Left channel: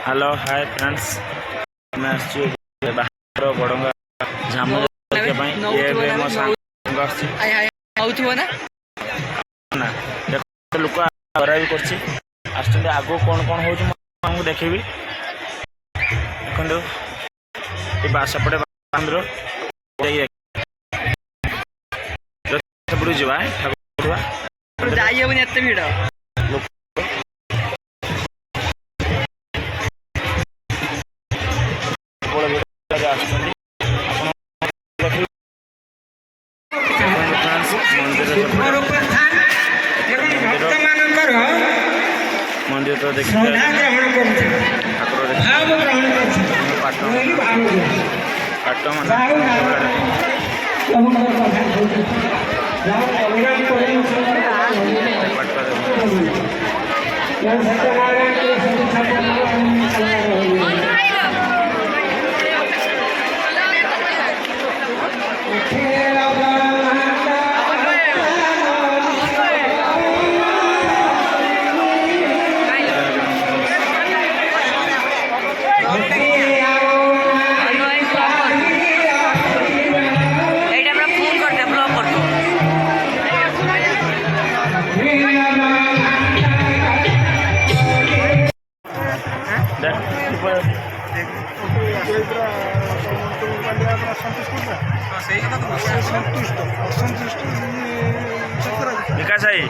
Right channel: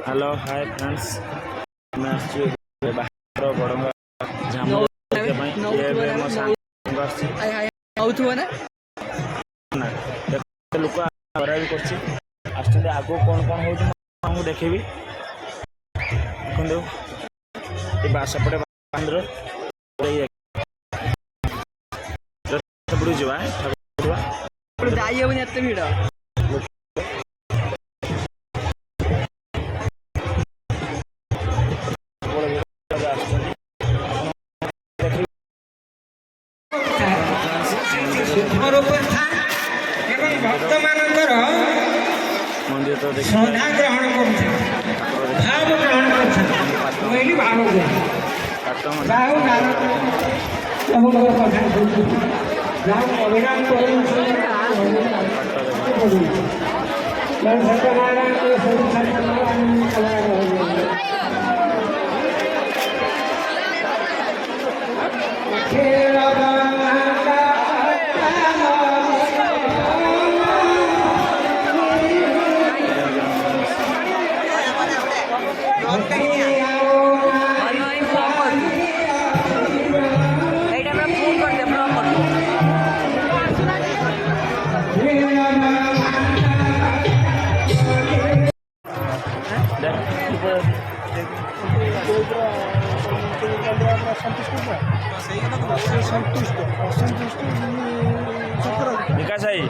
Hello hi friends मैं बाहर बड़ंगा झामु देखा ये मो सांग ना देख लोक बरा भी कर आगो कौन कौन हो देखी देखो सेपटे मंदिर जा जाइए एत भिड़ मंदिर तो देखिए ठाकुर पाट विकास भाई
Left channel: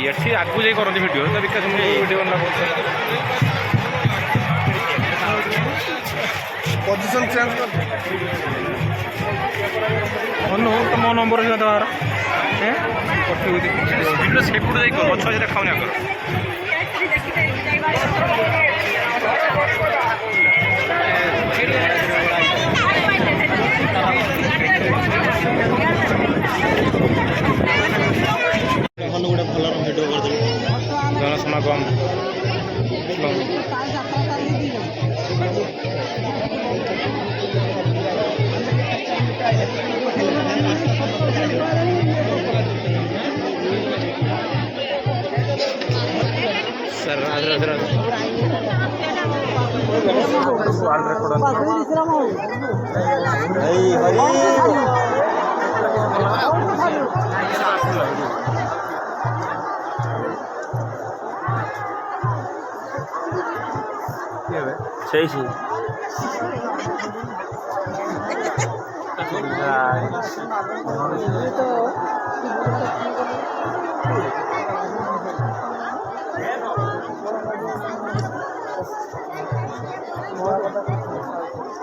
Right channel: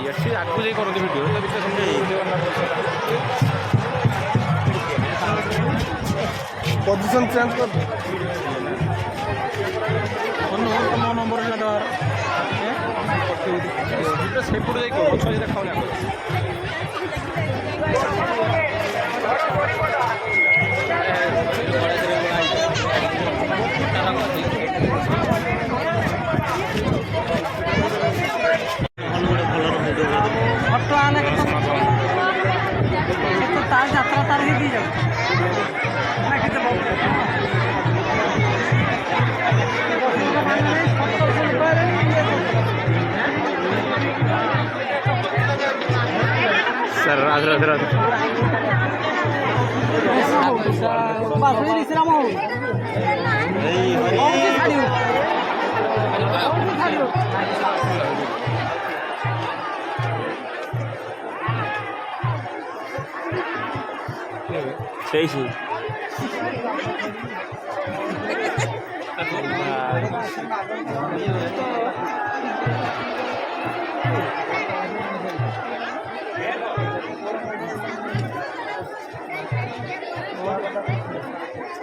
ये आगू जाए करते भिडियो तो पोजिशन चेंज कर मो नंबर भिडियो सेपट जाए गछ से देखा आगर सही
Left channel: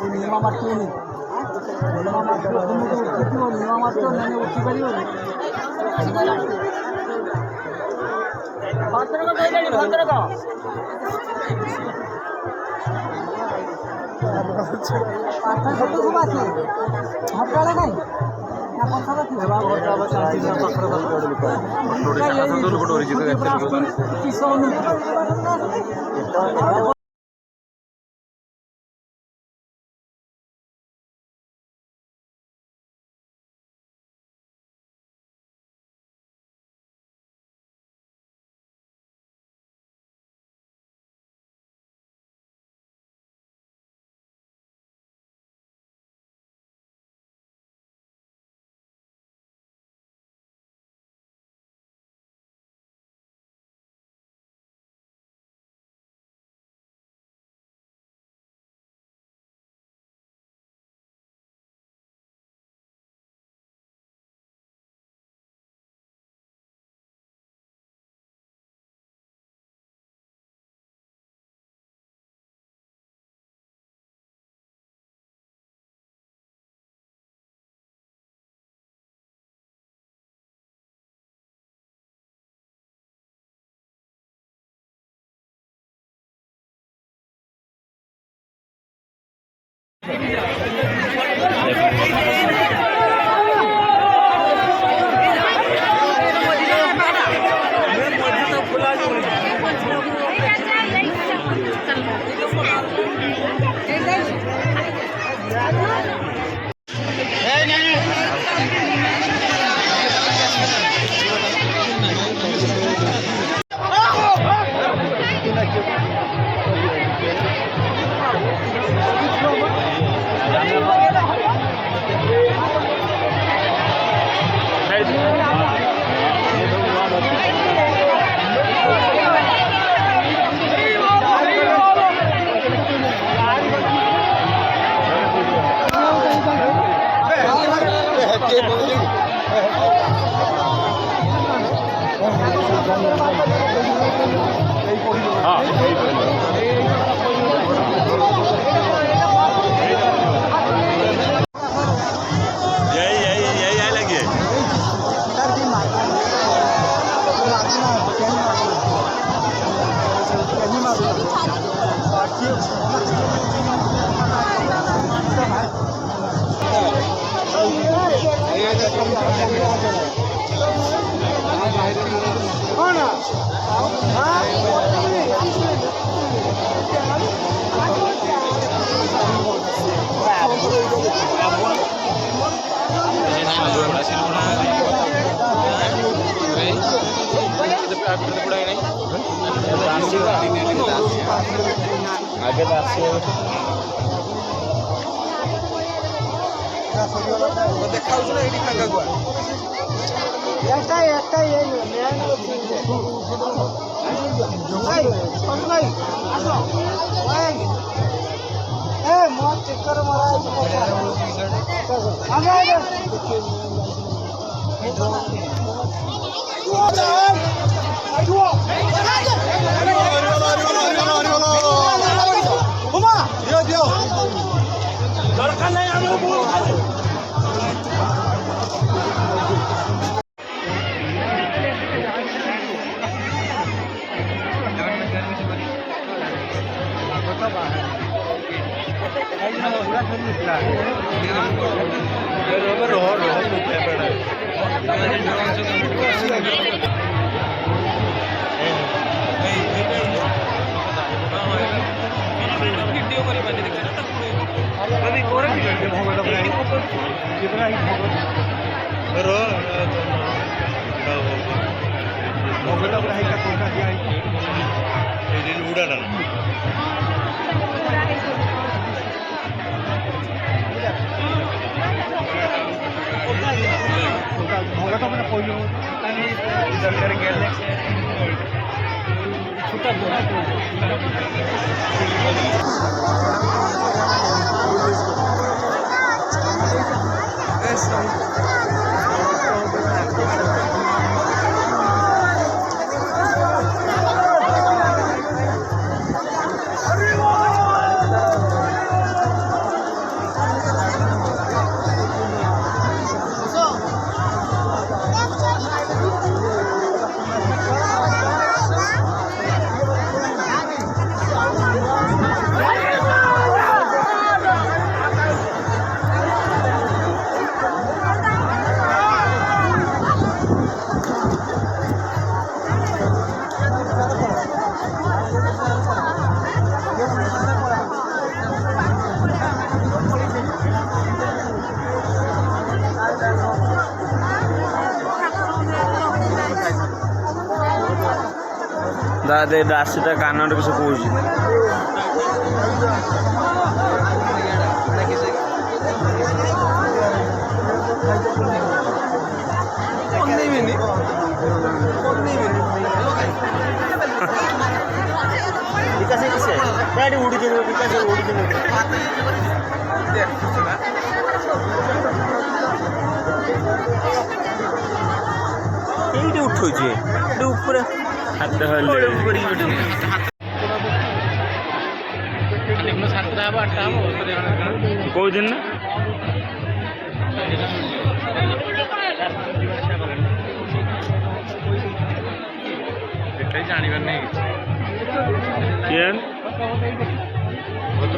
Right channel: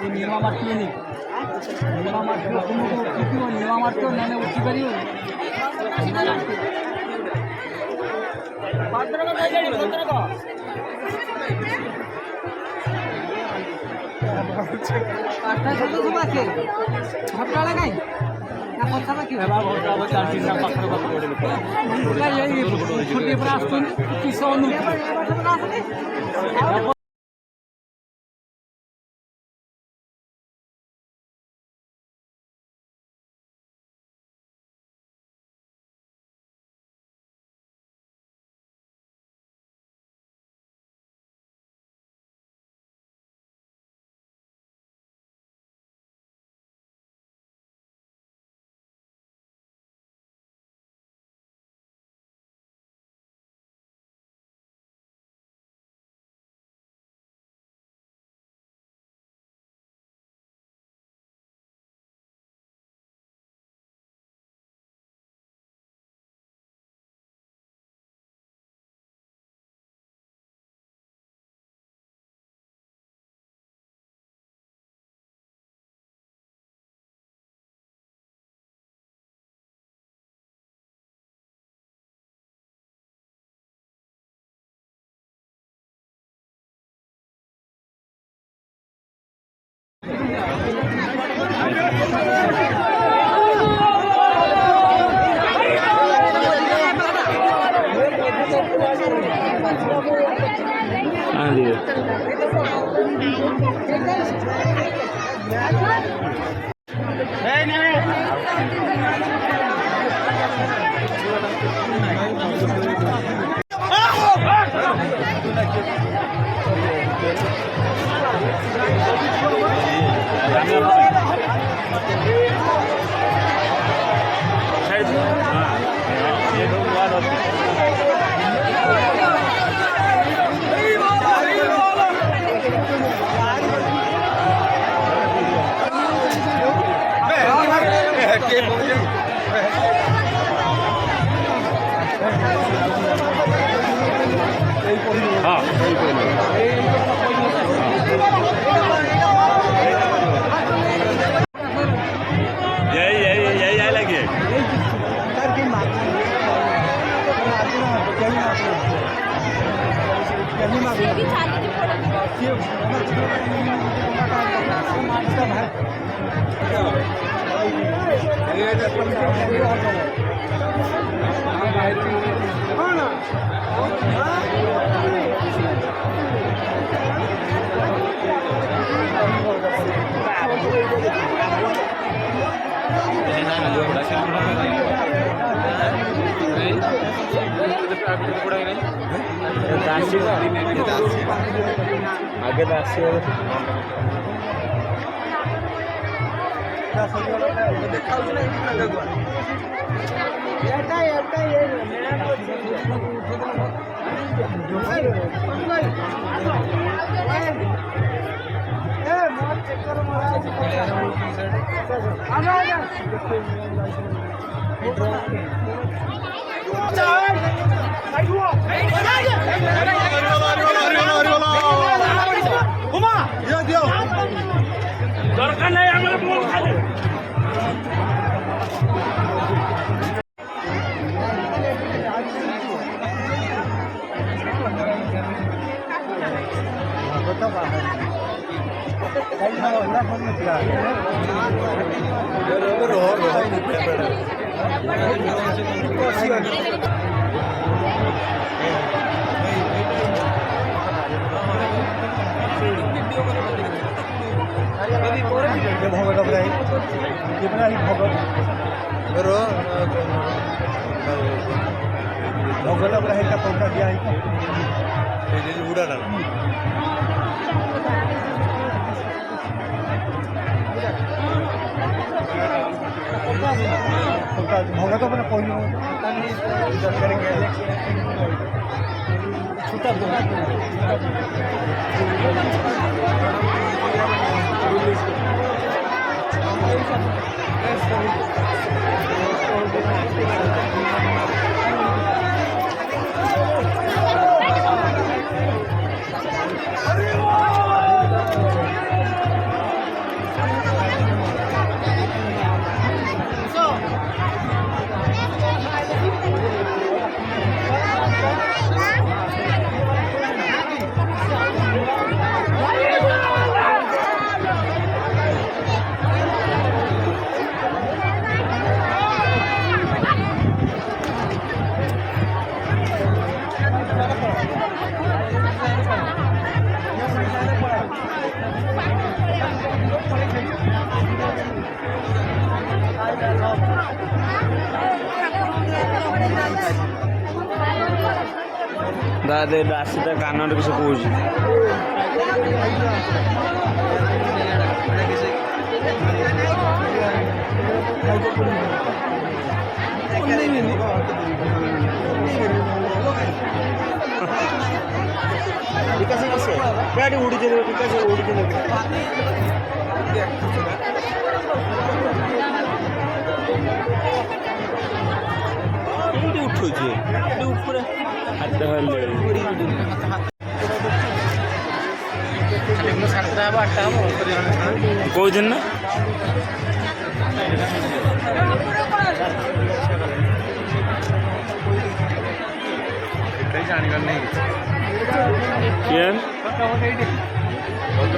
नियमा मार्टी नियमा मार्टी नियमा मार्टी मैंने उठी पार सब आसे हटाला कहीं पाखापाखि यही लगी आगे ଦେଖାଉଛି ନା ଏଇଠି ଫାଙ୍କା କୁଆ दरकार नहीं हमारे बोल खाली दादे राशिटा कान किसी कौच विकास गाड़ी उड़ी विकास उड़ी ये उठू ऊपर हाथ कौ दिन ना ଜାଣିବାର ନାହିଁ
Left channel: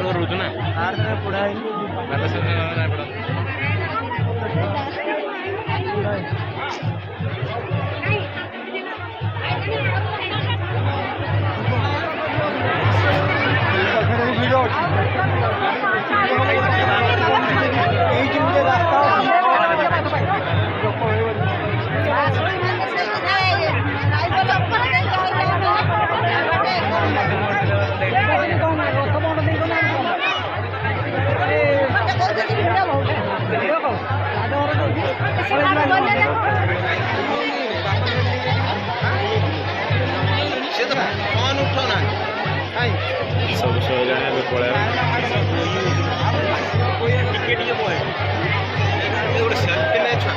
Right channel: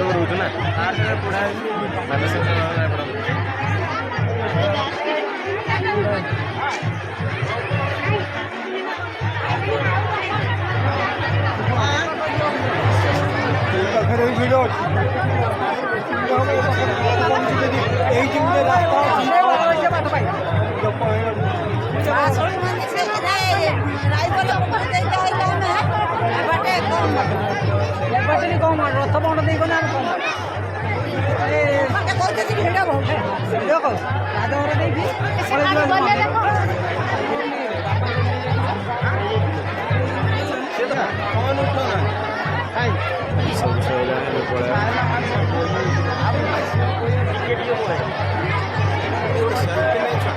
ରହୁଛୁ ନା ରଥ ବଣ୍ଡ ଦେଇଗଲେ ଆମେ କଣ ରାଜଘର ଦେଇକି ପଳେଇ ଯିବା ପଳେଇବା। ଗୋଟେ ସେଲ୍ଫି ନାହିଁ ଛୁଆ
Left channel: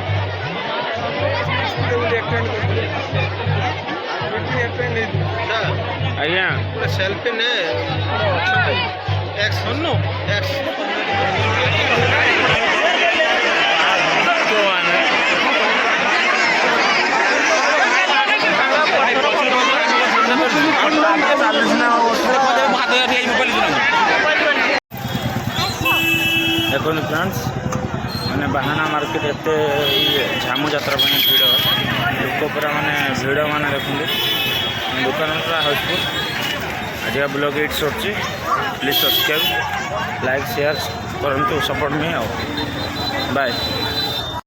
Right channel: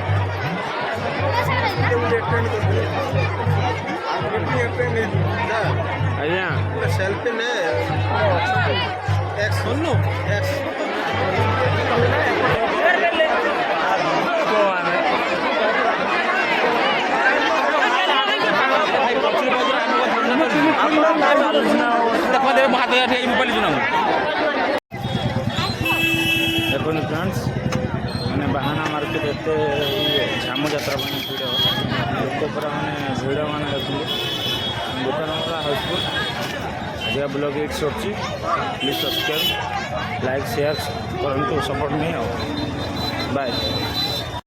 ଆଜ୍ଞା ଗୋଟେ ସେଲ୍ଫି ନେ ଦେଖନ୍ତୁ ଫ୍ରେଣ୍ଡସ୍ ମାନେ ବାହାନା ମାର୍କେଟ ଏତେ ଝାମୁ ଯାତ୍ରା ପାଇଁ ଭିଡ଼ ଲୋକ ପୁରା ମାନେ ଭିଡ଼ ମାନେ ଦେଖନ୍ତୁ ଦୋକାନ ପୁରା ହାଉସଫୁଲ୍। ଆଜିକା ବ୍ଲଗ୍ ଏଇଠି ସରୁଛି। ପ୍ଲିଜ୍ ସବସ୍କ୍ରାଇବ୍ ଲାଇକ୍ ସେୟାର କରନ୍ତୁ ସପୋର୍ଟ ମି ଆଉ ବାଏ।